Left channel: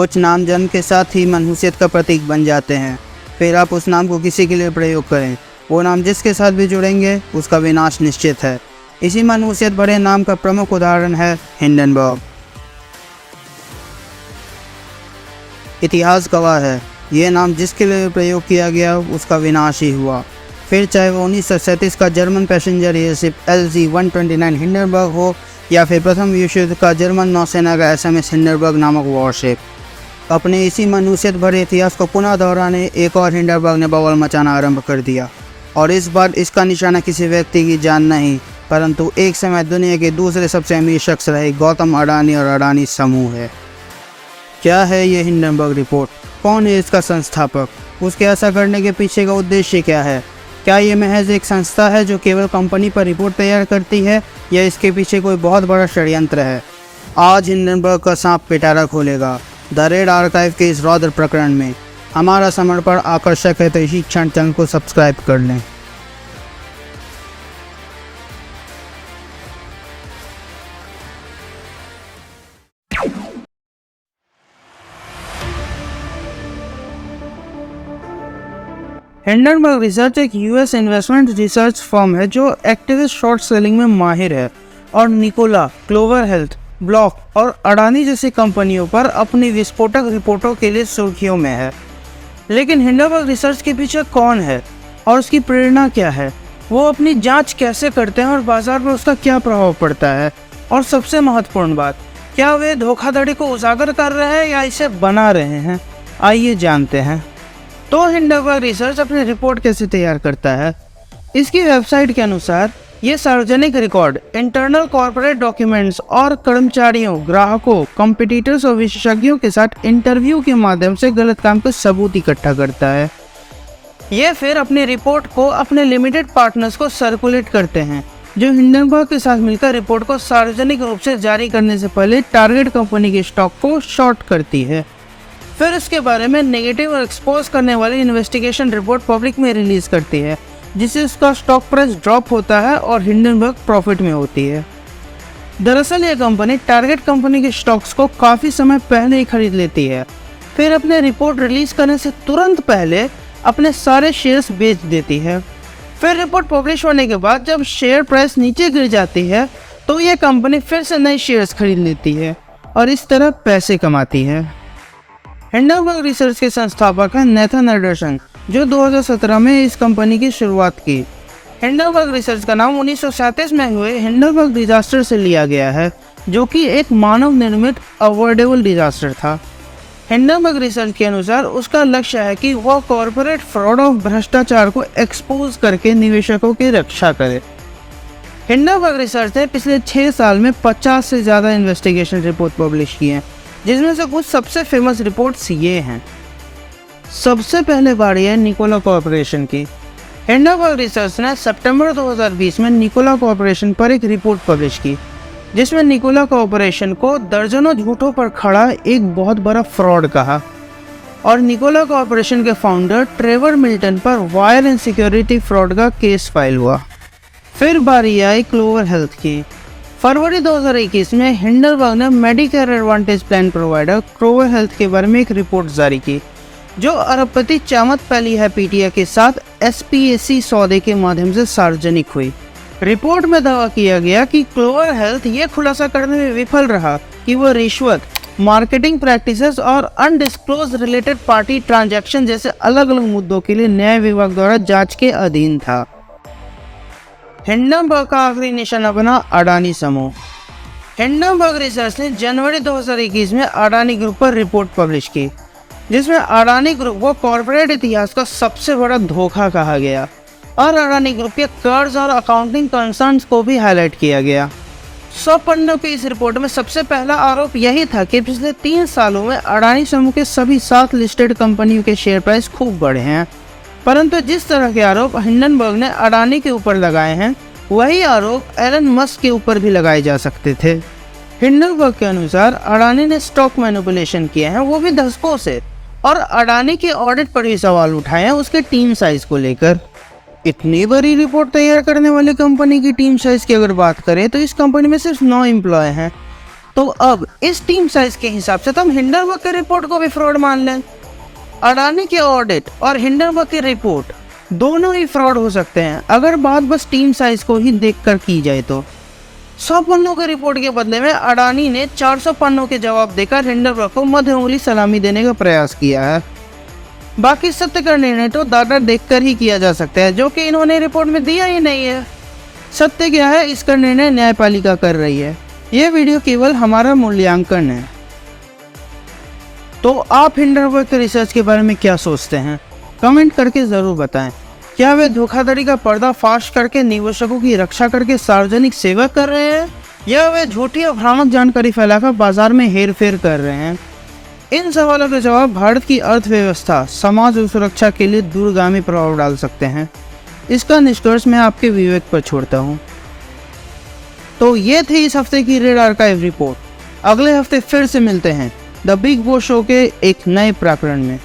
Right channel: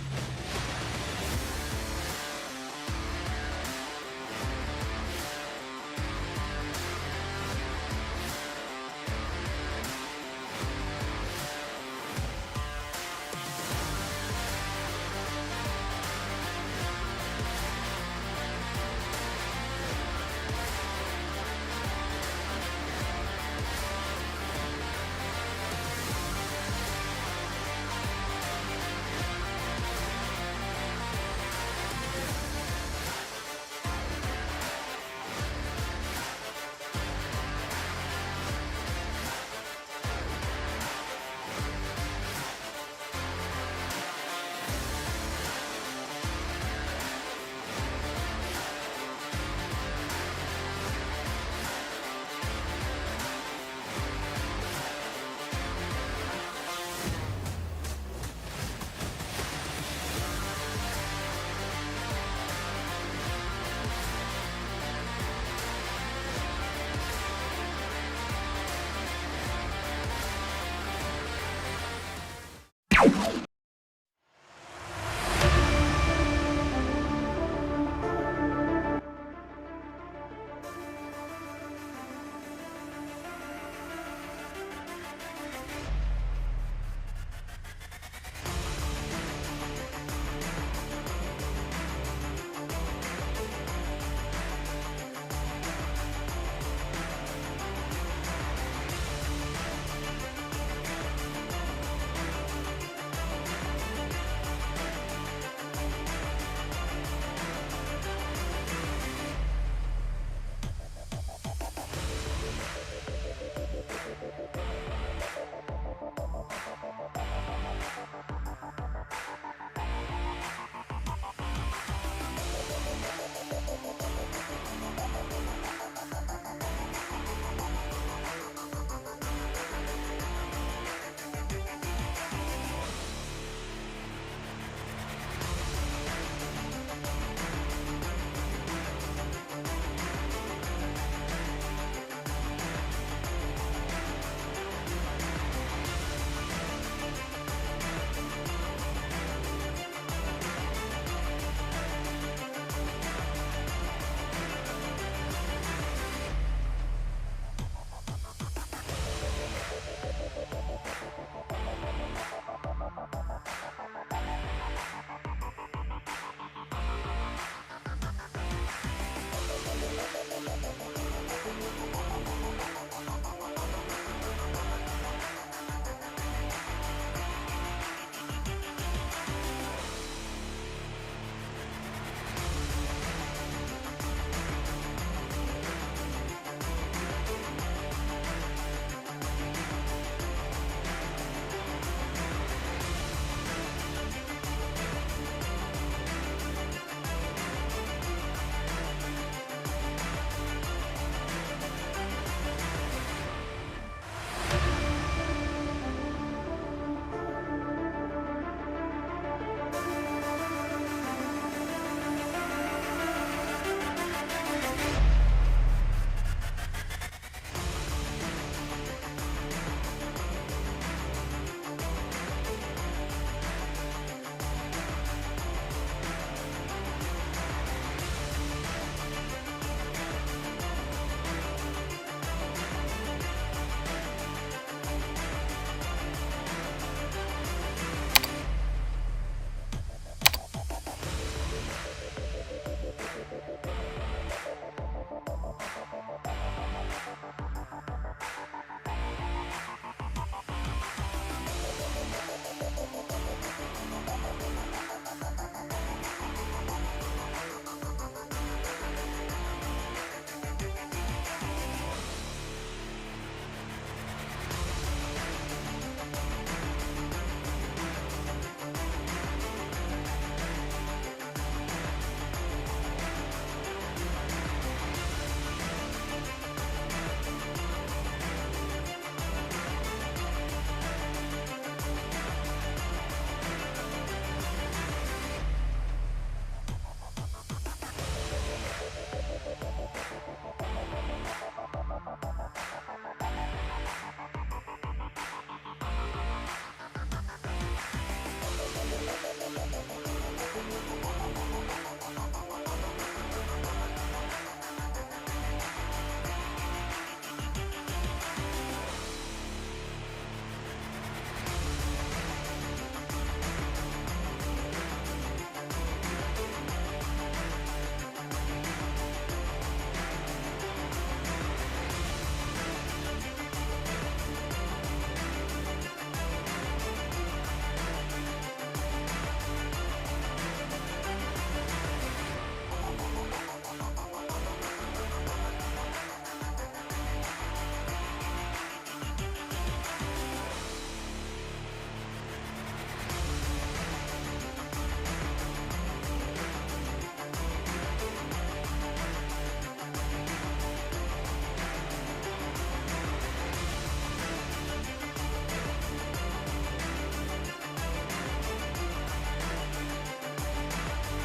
कुछ नाम जन्म के साथ ही मनहूसियत का प्रतीक बन जाते हैं। फिर आप उस नाम को किसी के लिए प्रयोग करें, वो नाम जिसके साथ भी जुड़ेंगे उसका विनाश निश्चित है। इसी मनहूसियत भरे नाम का प्रमुख उदाहरण है हिंडनबर्ग। इतिहास गवाह है, ये नाम जिसके लिए प्रयोग किया गया उसका विनाश ही हुआ। फिर चाहे वो 1937 का German passenger airship LC-129 Hindenburg हो या फिर प्रथम विश्व युद्ध का जर्मन नौसेना का SMS हिंडनबर्ग नामक वॉरशिप। अपने इसी मनहूसियत भरे इतिहास को पुनः दोहराने एक और हिंडनबर्ग ने बवाल मचाना आरंभ कर दिया। और इस बार इसका निशाना किसी व्यक्ति की जान नहीं, परंतु एक समय दुनिया के दूसरे सबसे अमीर शख्स रहे गौतम अडानी और अडानी समूह है। क्या है ये हिंडनबर्ग रिपोर्ट? कौन है इसका संस्थापक? उसके ऐसा करने के पीछे का उद्देश्य क्या है? क्या ये महज एक संस्था है जो केवल कंपनी पर रिपोर्ट तैयार करती है या इसके पीछे कोई बहुत बड़ा षड्यंत्र है? आज हिंडनबर्ग का सांप पिटारा खोलेगा द रेड आर्काइव के इस रौद्र प्रकरण में। हमारा समर्पण आकर्षक है तो इसी क्षण चैनल को सब्सक्राइब कर लें। हिंडनबर्ग रिसर्च एक यूएस इन्वेस्टमेंट रिसर्च फर्म है जो एक्टिविस्ट शॉर्ट सेलिंग में माहिर है और निकोला, क्लोवर हेल्थ, ब्लॉक और अडानी जैसी कंपनियों पर अपनी विस्फोटक रिपोर्टों के लिए सुर्खियों में है। लेकिन हिंडनबर्ग रिसर्च के पीछे कौन है और उसकी प्रेरणा क्या है? वो अपनी जांच कैसे करते हैं और बाजार पर उसका क्या प्रभाव पड़ता है? और सबसे महत्वपूर्ण बात, क्या वे धोखाधड़ी को उजागर कर रहे हैं या इसे बना रहे हैं? आइए जानते हैं। तो हिंडनबर्ग रिसर्च अपनी रिपोर्ट कैसे तैयार करता है? इसकी वेबसाइट के अनुसार ये सार्वजनिक रिकॉर्ड, इंटरनल कॉर्पोरेट डॉक्यूमेंट्स और कर्मचारियों, ग्राहकों, कॉम्पिटिटर्स और विशेषज्ञों के साथ इंटरव्यू के माध्यम से गलत काम का सबूत इकट्ठा करता है। ये फिर अपनी रिपोर्ट को अपने लिमिटेड पार्टनर्स को सर्कुलेट करते हैं, जो हिंडनबर्ग के साथ मिलकर रिपोर्ट को सार्वजनिक रूप से जारी करने से पहले टारगेट कंपनी के स्टॉक को शॉर्ट करती है। फिर इसके बारे में नेगेटिव और एक्सपोज करने वाली इन्वेस्टिगेशन रिपोर्ट पब्लिक में रिलीज करती है, जिससे उसका स्टॉक प्राइस ड्रॉप होता है और हिंडनबर्ग प्रॉफिट में होती है। दरअसल ये कंपनी टारगेट कंपनी के स्टॉक्स को काफ़ी समय पहले ही खरीद लेती है, फिर अपने रिपोर्ट रिलीज करने से तुरंत पहले अपने सारे शेयर्स बेच देती है। फिर रिपोर्ट पब्लिश होने के बाद जब शेयर प्राइस नीचे गिर जाती है तो ये कंपनी फिर से नए शेयर्स खरीद लेती है और इस तरह पैसे कमाती है। हिंडनबर्ग रिसर्च के संस्थापक हैं नेथन एंडरसन, जो 2017 में इस कंपनी की शुरुआत की। हिंडनबर्ग रिसर्च का नाम 1937 में हुए हिंडनबर्ग डिजास्टर से लिया गया है, जो कि एक मानव निर्मित अवॉइडेबल डिजास्टर था। हिंडनबर्ग रिसर्च के अनुसार उसका लक्ष्य है कि वह कॉर्पोरेट फ्रॉड और भ्रष्टाचार को एक्सपोज करके निवेशकों की रक्षा करे। हिंडनबर्ग रिसर्च ने पिछले 6 साल में 50 से ज़्यादा इन्वेस्टिगेशन रिपोर्ट पब्लिश किए हैं, जिसमें से कुछ सबसे फेमस रिपोर्ट्स ये हैं। सबसे पहले बारी है निकोला कॉर्पोरेशन की। हिंडनबर्ग रिसर्च ने सितंबर 2020 में निकोला कॉर्पोरेशन पर एक रिपोर्ट पब्लिश की, जिसमें निकोला कॉर्पोरेशन को दर्जनों झूठों पर खड़ा एक बहुत बड़ा फ्रॉड कहा और निकोला कॉर्पोरेशन के फाउंडर ट्रेवर मिल्टन पर वायर एंड सिक्योरिटी फ्रॉड का केस फाइल हुआ। फिर बारी आई क्लोवर हेल्थ की। फरवरी 2021 में हिंडनबर्ग ने Medicare advantage plan provider clover health के बारे में एक रिपोर्ट जारी की, जो अरबपति चामत पैलिहाइपिटिया के साथ SPAC सौदे के माध्यम से सार्वजनिक हुई। रिपोर्ट में दावा किया गया कि क्लोवर हेल्थ ये खुलासा करने में विफल रहा कि वह रिश्वत, मार्केटिंग प्रैक्टिसेस और अनडिस्क्लोज रिलेटेड पार्टी ट्रांजैक्शन जैसे अलग अलग मुद्दों के लिए न्याय विभाग द्वारा जांच के अधीन था। हिंडनबर्ग का आखिरी निशाना बना अडानी समूह। हिंडनबर्ग रिसर्च ने जनवरी 2021 में अडानी ग्रुप पर रिपोर्ट पब्लिश की, जिसमें अडानी ग्रुप को कॉर्पोरेट इतिहास का सबसे बड़ा धोखा कहा गया और अडानी ग्रुप के कर्ज और अकाउंटिंग कंसर्न्स को भी हाईलाइट किया गया। 100 पन्नों की इस रिपोर्ट में सबसे पहला आरोप यही था कि पिछले 3 सालों में अडानी समूह के सभी 7 लिस्टेड कंपनियों के शेयर प्राइस खूब बढ़े हैं। परंतु जिस तरह के आरोप हिंडनबर्ग ने अडानी के ऊपर लगाए हैं, वही आरोप एलन मस्क के ऊपर भी लगाए जा सकते थे। हिंडनबर्ग के अनुसार अडानी ने स्टॉक मैनिपुलेशन किए हैं, वो भी दशकों से, और अडानी के ऑडिट पर भी सवाल उठाए हैं उसके टीम साइज को लेकर। इतनी बड़ी रिपोर्ट तैयार करने वाली कंपनी की टीम साइज की अगर बात करें तो इस कंपनी में सिर्फ 9 एम्प्लॉय हैं। तो अब इस टीम साइज के हिसाब से तो हम हिंडनबर्ग की रिपोर्ट को भी फ्रॉड मान लें। अडानी के ऑडिट और हिंडनबर्ग की रिपोर्ट दोनों ही फ्रॉड हो सकते हैं अगर बात बस टीम साइज को ही देखकर की जाए तो। 100 पन्नों की रिपोर्ट के बदले में अडानी ने 400 पन्नों के जवाब देकर हिंडनबर्ग को मध्य उंगली सलामी देने का प्रयास किया है। बाकी सत्य का निर्णय तो डाटा देखकर ही किया जा सकता है, जो कि इन्होंने रिपोर्ट में दिया ही नहीं है। सत्य क्या है इसका निर्णय न्यायपालिका कर रही है। यह वीडियो केवल हमारा मूल्यांकन है। तो आप हिंडनबर्ग के रिसर्च के बारे में क्या सोचते हैं, कमेंट करके ज़रूर बताएं। क्या वे धोखाधड़ी का पर्दाफाश करके निवेशकों की रक्षा करके सार्वजनिक सेवा कर रहे हैं, या वे झूठी और भ्रामक जानकारी फैलाकर बाजार में हेरफेर कर रहे हैं? इन सवालों के जवाब भारत की अर्थव्यवस्था, समाज और सुरक्षा के लिए दूरगामी प्रभाव डाल सकते हैं। इसका निष्कर्ष मैं आपके विवेक पर छोड़ता हूँ। तो ये थी इस हफ्ते की रेड आर्काइव रिपोर्ट। अगले हफ्ते फिर से मिलते हैं द बिग बॉस शो के एक नए प्रकरण में।